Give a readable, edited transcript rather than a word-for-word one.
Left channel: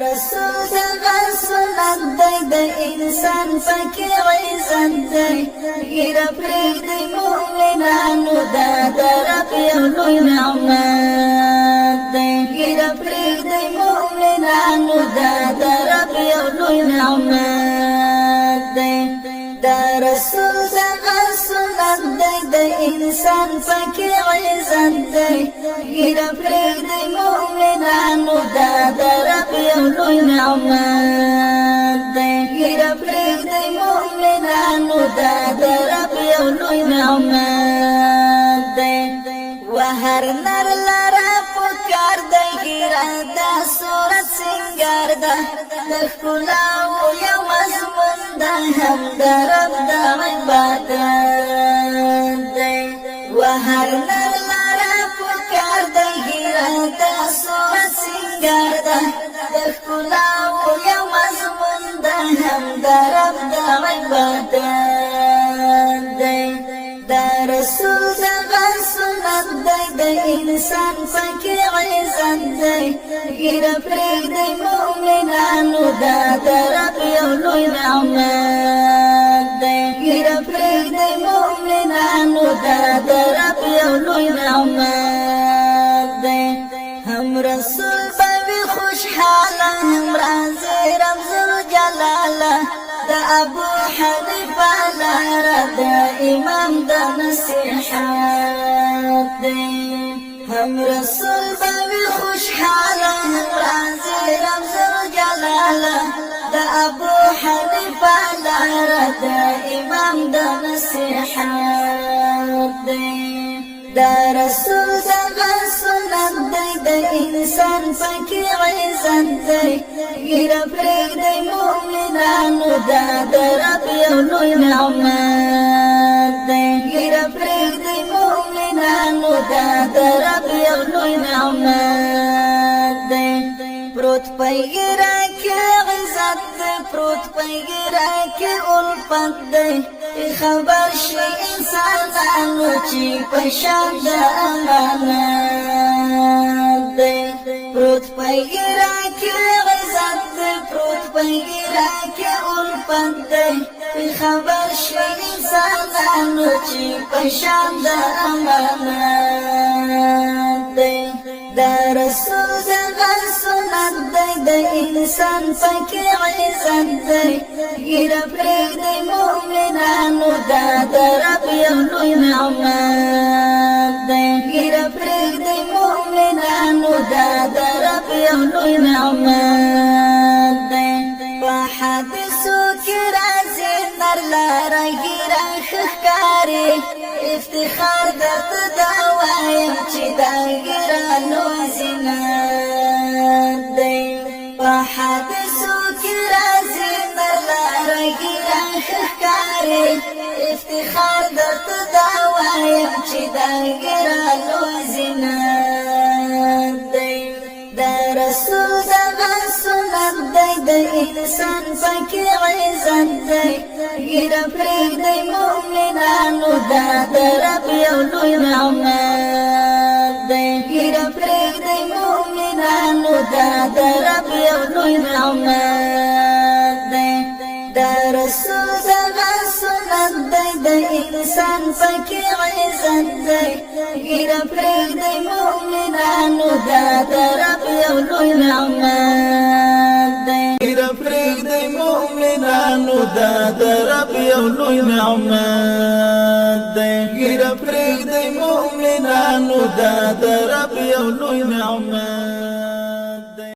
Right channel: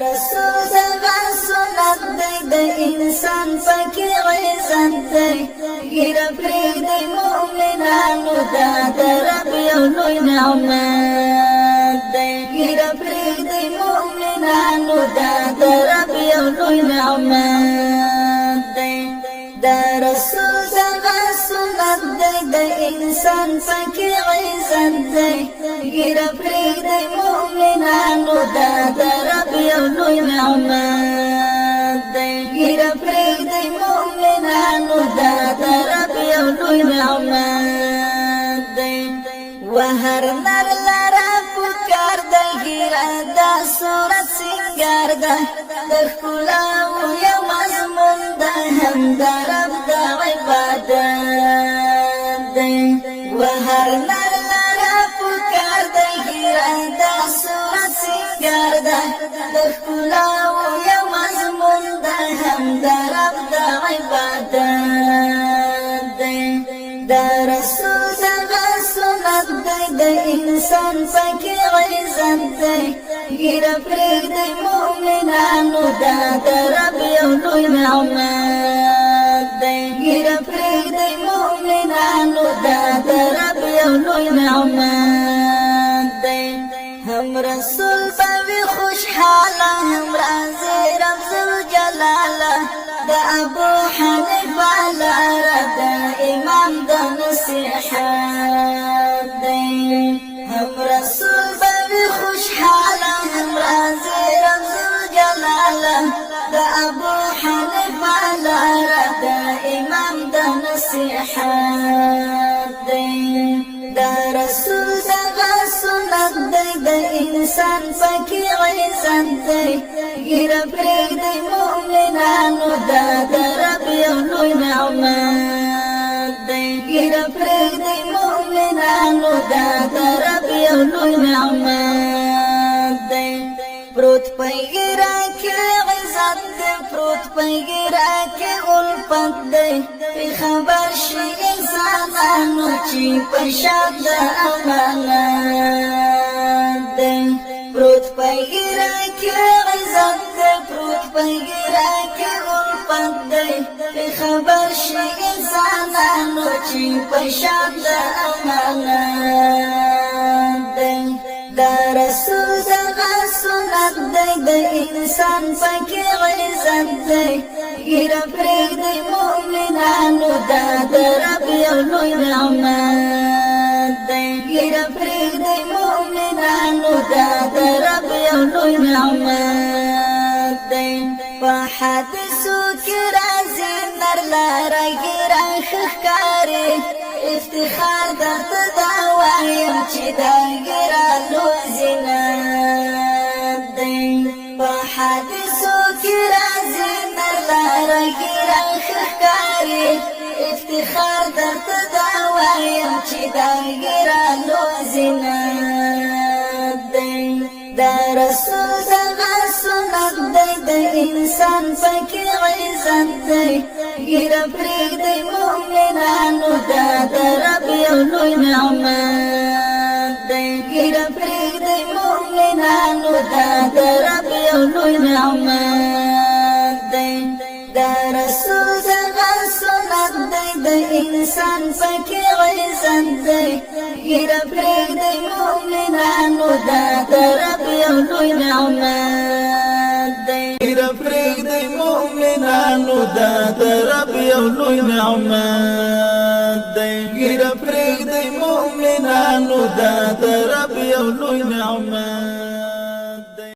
رسول زما سنت دی د انسان پکې عزت دی ګیره پرېږدئ مؤمنانو دا د رب یو لوی نعمت دی ګیره پرېږدئ مؤمنانو دا د رب یو لوی نعمت دی دا رسول زما سنت دی د انسان پکې عزت دی ګیره پرېږدئ مؤمنانو دا د رب یو لوی نعمت دی ګیره پرېږدئ مؤمنانو دا د رب یو لوی نعمت دی وهر نر لره پکار دی ګیره د صورت سینګار ده د ښکلاو یو مضمون ده هم د رب د عبادت دی وهر نر لره پکار دی ګیره د صورت سینګار ده د ښکلاو یو مضمون ده هم د رب د عبادت دی دا رسول زما سنت دی د انسان پکې عزت دی ګیره پرېږدئ مؤمنانو دا د رب یو لوی نعمت دی ګیره پرېږدئ مؤمنانو دا د رب یو لوی نعمت دی هم رسول به وي خوشحاله هم راځي رب ذوالجلاله د ابو حنیفه لاره د امام د نصیحت دی هم رسول به وي خوشحاله هم راځي رب ذوالجلاله د ابو حنیفه لاره د امام د نصیحت دی دا رسول زما سنت دی د انسان پکې عزت دی ګیره پرېږدئ مؤمنانو دا د رب یو لوی نعمت دی ګیره پرېږدئ مؤمنانو دا د رب یو لوی نعمت دی پروت په ګیره کې عزت دی پروت په ګیره کې الفت دی خبر شي انسانانو چې په شان د امانت دی پروت په ګیره کې عزت دی پروت په ګیره کې الفت دی خبر شي انسانانو چې په شان د امانت دی دا رسول زما سنت دی د انسان پکې عزت دی ګیره پرېږدئ مؤمنانو دا د رب یو لوی نعمت دی ګیره پرېږدئ مؤمنانو دا د رب یو لوی نعمت دی په حدیثو کې راځي نر لاره ګیره ښه ښکاري افتخار درته دا وایم چې دا ګیره لوی زینت دی په حدیثو کې راځي نر لاره ګیره ښه ښکاري افتخار درته دا وایم چې دا ګیره لوی زینت دی دا رسول زما سنت دی د انسان پکې عزت دی ګیره پرېږدئ مؤمنانو دا د رب یو لوی نعمت دی ګیره پرېږدئ مؤمنانو دا د رب یو لوی نعمت دی دا رسول زما سنت دی د انسان پکې عزت دی ګیره پرېږدئ مؤمنانو دا د رب یو لوی نعمت دی ګیره پرېږدئ مؤمنانو دا د رب یو لوی نعمت دی ګیره پرېږدئ مؤمنانو دا د رب یو لوی نعمت